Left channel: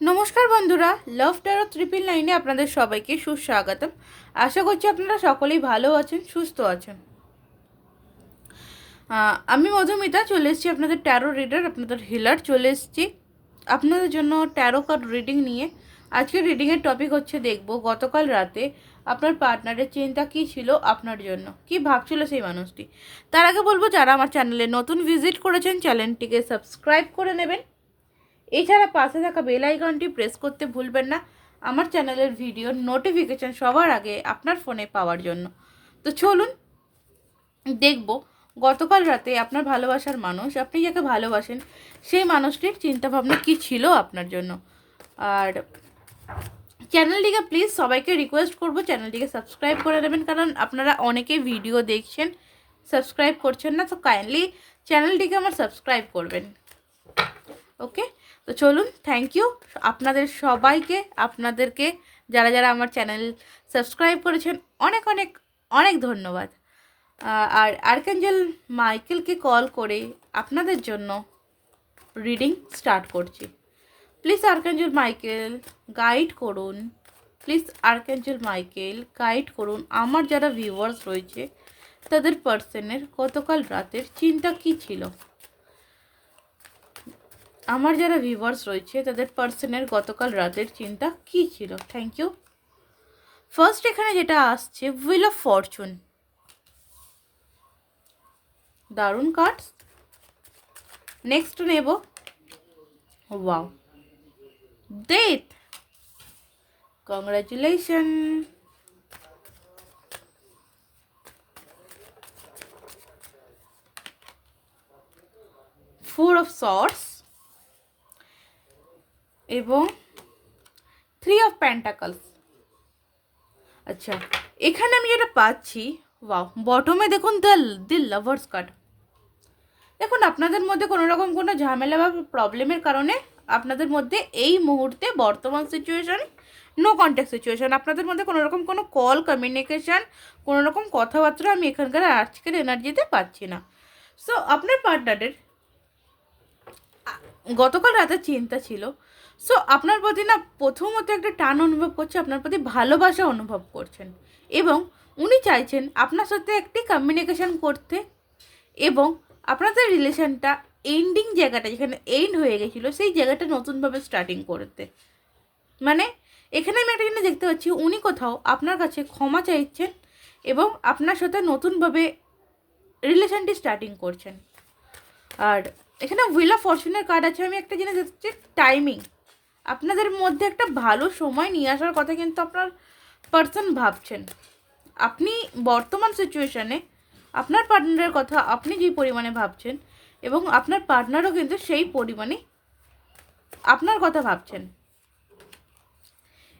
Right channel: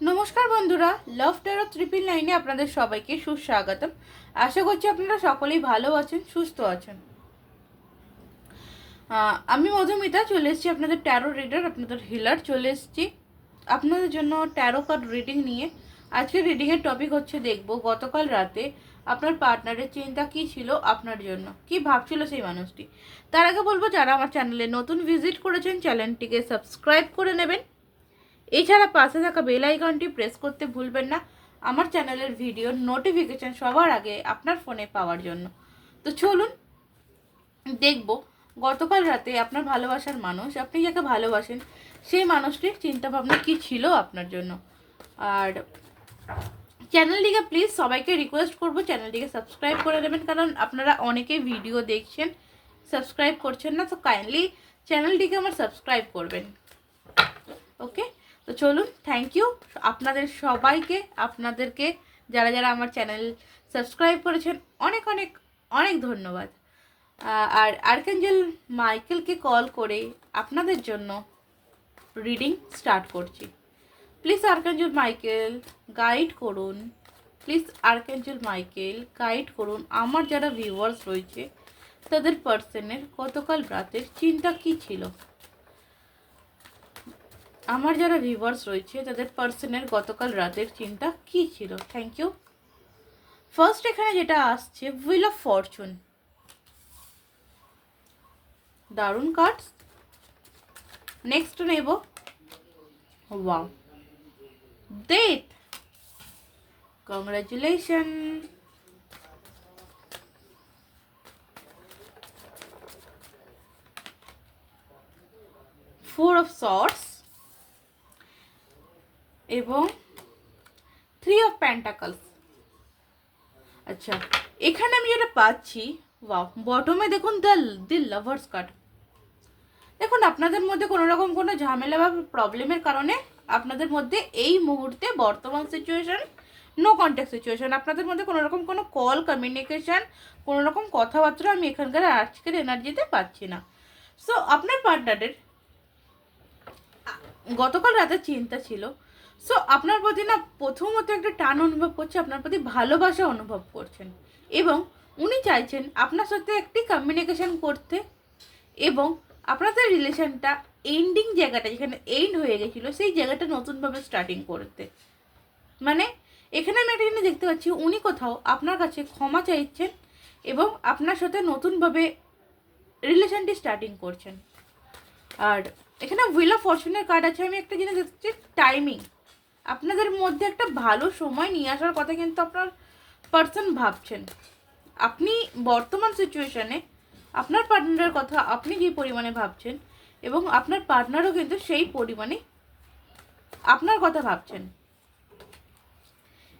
নমস্কার বন্ধুরা লাভ taro triple লাইনে আপনাদের সবাইকে সুস্বাগতম। আশা করছি আপনারা সকলেই ভালো আছেন, সুস্থ আছেন। আমি মধুমিতা, চলে এসেছি আপনাদের ট্যারো রিডার আপনাদের হিলার চলে এসেছি আপনাদের জন্য ট্যারো কার্ড রিডিং নিয়ে। আজকে রিডিংয়ের টপিক হচ্ছে দেখব, গতকাল রাতে আপনার পার্টনারের চিন্তা কি ছিল আপনার জন্য? কি ভাবছিল সেই মানুষটি? তার আগে বলব, যারা আমার চ্যানেলে নতুন ভিজিট করেছেন চ্যানেলটিকে সাবস্ক্রাইব করে নেবেন। এছাড়া পাশে থাকা বেল আইকনটি প্রেস করতে ভুলবেন না। আমার চ্যানেলের ভিডিও নোটিফিকেশন সবার আগে আপনার ফোনে পাওয়ার জন্য। তো চলুন, দেখব, গতকাল রাতে আপনার ভালোবাসার মানুষ, আপনি যাকে ভালোবাসেন, সেই মানুষটির চিন্তাভাবনা কী ছিল আপনার জন্য? আর চ্যানেলটিকে প্লিজ সবাইকে রিকোয়েস্ট করব চ্যানেলটিকে সাবস্ক্রাইব করে নেবেন, কারণ আপনারা অনেকে ভিডিও দেখছেন সাবস্ক্রাইব করছেন না, তো কাইন্ডলি চ্যানেলটিকে আমার সাবস্ক্রাইব করবেন। ওকে তো চলুন থ্যাংক ইউ আপনাদের সবাইকে, আপনাদেরকে, যারা যারা আমার চ্যানেল সাবস্ক্রাইব করেছেন, অনেক অনেক অনেক ধন্যবাদ। আর আর্কেঞ্জেল মাইকেলকে কল করে আপনাদের জন্য রিডিং স্টার্ট করছি। প্লিজ আর্কেঞ্জেল মাইকেল গাইড করুন। প্লিজ আর্কেঞ্জেল মাইকেল গাইড করুন। আমার যারা ভিউয়ার্স রয়েছে, তাদের পার্সনের গতকাল রাতের চিন্তা কি ছিল? আমার যারা ভিউয়ার্স রয়েছে, তাদের পার্সনের গতকাল রাতের চিন্তা কি ছিল? থ্যাংক ইউ ফার্স্ট এখানে যেটা আসছে হুইল অফ ফরচুন দারুণ কার্ডস নেক্সট নেব। Wow death congratulation four of swords এবং থ্রি অফ প্যান্টাকলস আচ্ছা এখানে আমি যেটা পাচ্ছি ওয়াও বটমে দেখুন দ্য দি লাভার্স কার্ড দেখুন, আপনাদের মধ্যে কোনো রকম কোনো ঝামেলা বা প্রবলেমের কারণে আপনাদের মধ্যে এই মুহূর্তে বর্তমান সিচুয়েশন নো কন্ট্যাক্ট সিচুয়েশন আপনাদের মধ্যে কোনো রকম কোনো কল কমিউনিকেশন কোনো রকম কথাবার্তা আমি এখানকার আজকের এনার্জিতে পাচ্ছি না। সো আপনার পার্টনারের গতকাল রাতে চিন্তা ছিল। সো আপনার প্রতি না প্রথমত একটা টান অনুভব করছে, আপনার প্রতি ভালোবাসা অনুভব করছেন। এবং উনি চাইছেন আপনার সাথে একটি কমিউনিকেশন করতে এবং আপনাদের রিলেশনটা এন্ডিং জায়গাটা যেখানে এন্ড হয়ে গেছিল, সেই জায়গাটা নতুনভাবে স্টার্টিং করতে। মানে এখানে আমি একটা জিনিস দেখতে পাচ্ছি, উনি কোথাও আপনার কাছে ক্ষমা চাইছেন এবং আপনার সাথে নতুনভাবে রিলেশনটি স্টার্টিং করছেন। আর এখানে হুইল অফ ফরচুনের কার্ড আছে, আমি একটা জিনিস দেখছি টাইমিং আপনাদের মধ্যে একটা ভালো সময় নিয়ে আসার কথা কিন্তু আপনার পার্সন ভাবছেন। আপনি বর্তমান সিচুয়েশনে আপনার পার্টনারের কথা আপনি যে পরিমাণে ভাবছেন এবং আপনার পার্টনারও কিন্তু সেই পরিমাণে আপনার কথা ভাবছেন।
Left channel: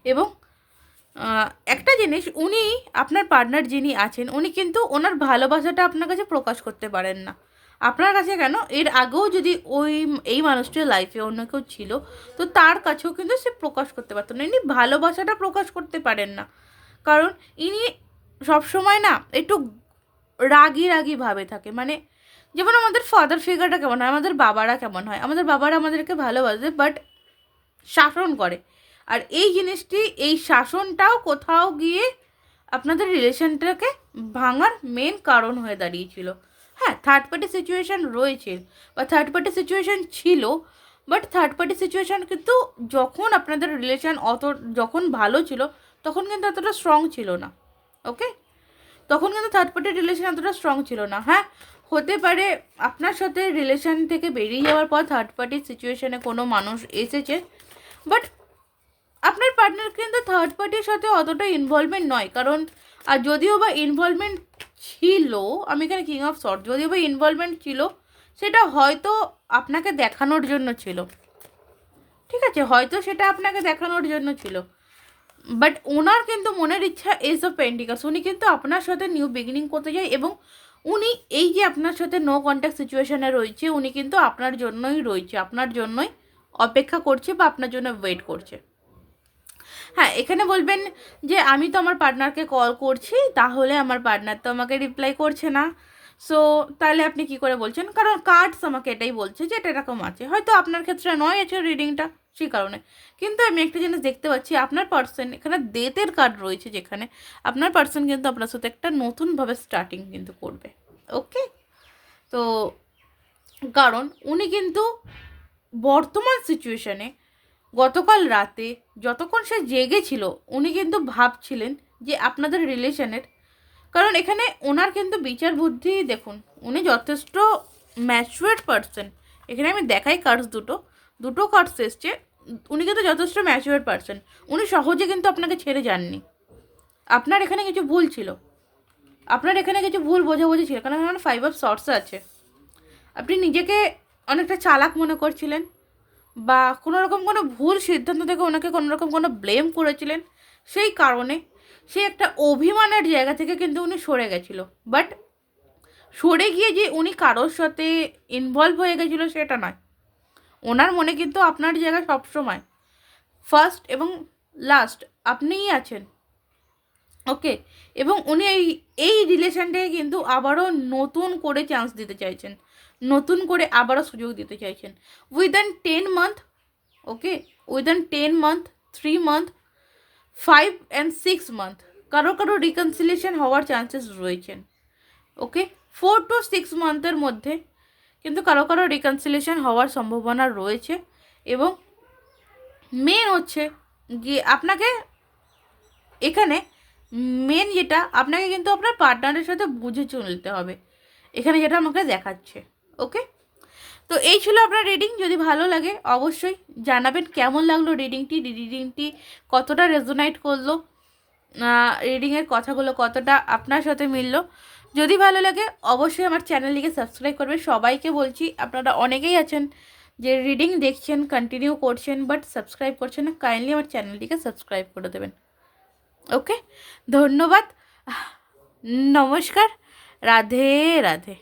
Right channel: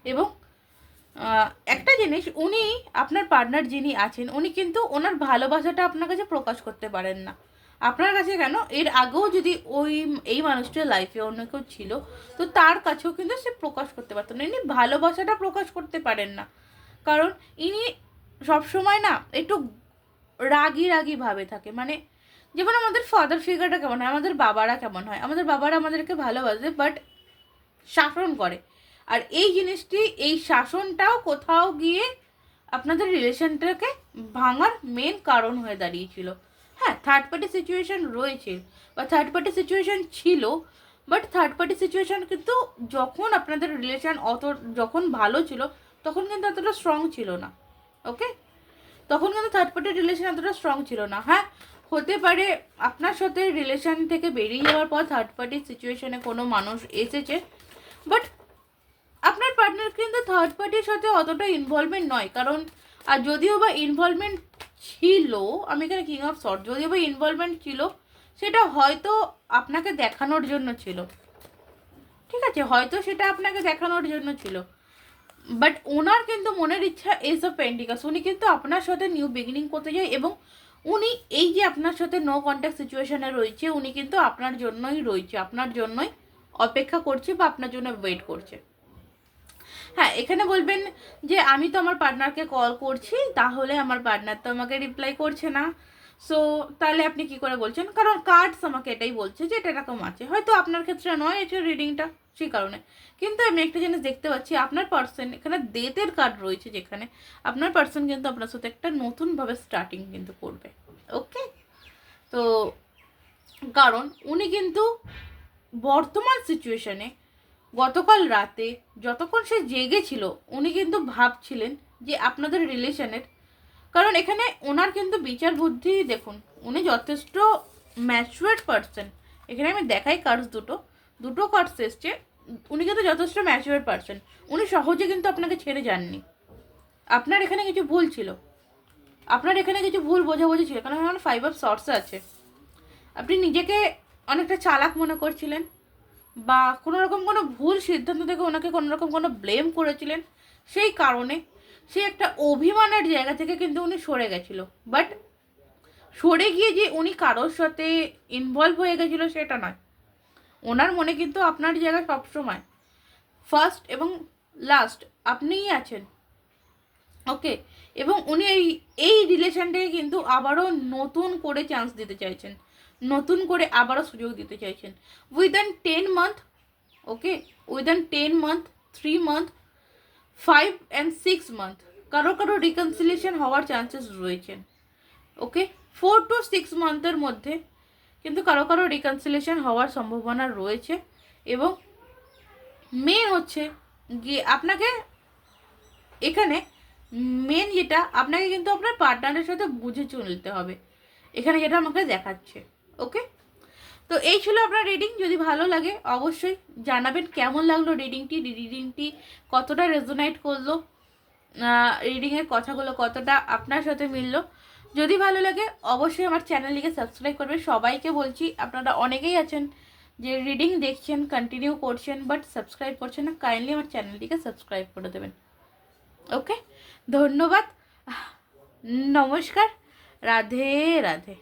এবং একটা জিনিস, উনি আপনার পার্টনার যিনি আছেন, উনি কিন্তু ওনার ভালোবাসাটা আপনার কাছে প্রকাশ করতে পারেন না। আপনার কাছে কেন? এর আগেও যদি ওই, এই মানুষটির লাইফে অন্য কেউ ছিল, তো তার কাছেও কিন্তু সে প্রকাশ করতে পারতো না। ইনি ভালোবাসাটা প্রকাশ করতে পারেন না। কারণ ইনি সবসময় না একটু রাগি রাগি ভাবে থাকে। মানে যেমন আমাদের ফাদার ফিগারটা কেমন হয়, আমাদের বাবারা কেমন হয়। আমাদের বাবারা আমাদেরকে ভালোবাসে বাট শাসন করে। আর এই জিনিসটি, এই শাসনটাও কোথাও গিয়ে আপনাদের রিলেশনটাকে ভাঙার মেন কারণ হয়ে দাঁড়িয়েছিল। হ্যাঁ থার্ড পার্টি সিচুয়েশান রয়েছে বা থার্ড পার্টি সিচুয়েশান ছিল বাট থার্ড পার্টি সিচুয়েশান কিন্তু যখন আপনাদের রিলেশান অত, যখন ভালো ছিল, তখন কিন্তু অতটা স্ট্রং ছিল না ওকে তখন কিন্তু থার্ড পার্টি রিলেশান এতটা স্ট্রং ছিল না হ্যাঁ? হতে পারে আপনার সাথে রিলেশান থেকে বেরিয়ে যাওয়ার পর থার্ড পার্টি সিচুয়েশানে কোনো মানুষ এসেছে বাট আপনার পার্টনার কিন্তু থার্ড পার্টির সাথে অতটা ইনভলভমেন্ট নয়, কারণ, আর যদিও বা ইনভলভমেন্ট ছিল, আমি এখানে কিং অফ শর্ট যদিও বা ইনভলভমেন্ট ছিল, সেটা হয়তো আপনাকে দেখানোর জন্য ছিল। ঠিক আছে, হয়তো সেটা আপনাকে দেখানোর জন্য ছিল। বাট ওনার কিন্তু মনের ইচ্ছা এজ অফ পেন্টিকাস উনি কিন্তু আপনার সাথে নিউ বিগিনিং করতে চায় এবং উনি এই যে আপনার সাথে নো কন্ট্যাক্ট সিচুয়েশনে রয়েছে, উনি কিন্তু আপনার জন্যই রয়েছে, আপনার জন্যই অপেক্ষা করছে বা আপনার জন্য ওয়েট করছে। হ্যাঁ এখানে বলবেন যে আমি তো আমার পার্টনারকে কল করছি, তাহলে আমার পার্টনার তো আমাকে রিপ্লাই করছে না। সো তাহলে আপনি কি করে বলছেন? কারণ কার্ডস আমাকে এটাই বলছে যে এটা এরকম আছে। হয়তো আপনার ক্ষেত্রে নয় আছে রিডিংটা সেই কারণে। কিন্তু আমি একটা জিনিস দেখতে পাচ্ছি, আপনার পার্সন এখানে ডেথের কার্ড রয়েছে যেখানে আপনার পার্সন কিন্তু আপনার সাথে একটা নতুনভাবে স্টার্টিং কিন্তু করবে। ওকে তো, কারণ উনি কিন্তু বর্তমান সিচুয়েশনে গতকাল রাতে যতক্ষণ সে জেগেছিল উনি কিন্তু ভাবছিলেন যে আপনাদের রিলেশনের, কারণ এখানে ওনার কিন্তু বিচার বুদ্ধি, দেখুন, উনি যথেষ্ট ম্যাচুয়ার্ড পার্সন। এখানে আমি দেখাই কার্ডস দুটো। দুটো কার্ডস এসছে, উনি কিন্তু যথেষ্ট ম্যাচুয়ার্ড পার্সন। উনি সহজে কিন্তু আপনাকে ছেড়ে যাননি। আপনার এখানে কিছু ভুল ছিল। আপনার এখানে কিছু ভুল বোঝাবুঝি ছিল, কারণ এখানে ফাইভ অফ শর্টস আছে। আপনি নিজেকে অনেকটা চালাক মনে করছিলেন। বা কোনো রকম কোনো ভুল সিদ্ধান্ত থেকে ওনাকে কোনো রকম কোনো ব্লেম করেছিলেন, সেই কারণে সে একটা অভিমানের জায়গা থেকে কিন্তু উনি সরে গেছিল। বাট সরে গিয়ে যে উনি কারোর সাথে ইনভলভ হয়ে গেছিল সেটা নয়। ওনার মনে কিন্তু আপনার জায়গা সবসময়। ফার্স্ট এবং লাস্ট আপনিই আছেন। ওকে এবং উনি এই এই রিলেশনটাকে কিন্তু আবারও নতুন করে চান্স দিতে চাইছেন। নতুন করে আবারও সুযোগ দিতে চাইছেন। Within ten month okay within ten month three month five and six month কারও কারও রিকনসিলেশন হওয়ার চান্সেস রয়েছেন ওকে ফোর টু সিক্স মান্থের মধ্যে কিন্তু কারও কারও রিকনসিলেশন হওয়ার সম্ভাবনা রয়েছে এবং মেন হচ্ছে যে আপনাকে এখানে মেন যেটা, আপনাকে কিন্তু আপনার পার্টনারের সাথে বুঝে চলতে হবে। এখানে যেটা আমাকে দেখাচ্ছে। ওকে? তো এই ছিল আপনার রিডিং যদি ভালো লাগে অবশ্যই জানাবেন কেমন লাগল রিডিংটি রিডিংটি কতটা রেজোনাইট করল রিডিংয়ের কথাগুলো কতটা আপনার সাথে মিললো। যদি ভালো লাগে অবশ্যই আমার চ্যানেলটিকে সাবস্ক্রাইব করবে সবাইকে বলছি, আপনারা অনেকেই আছেন যে রিডিং দেখছেন কন্টিনিউ করছেন বাট সাবস্ক্রাইব করছেন না কাইন্ডলি আমার চ্যানেলটিকে সাবস্ক্রাইব করে দেবেন। ওকে? ধন্যবাদ। নমস্কার। রাধে রাধে।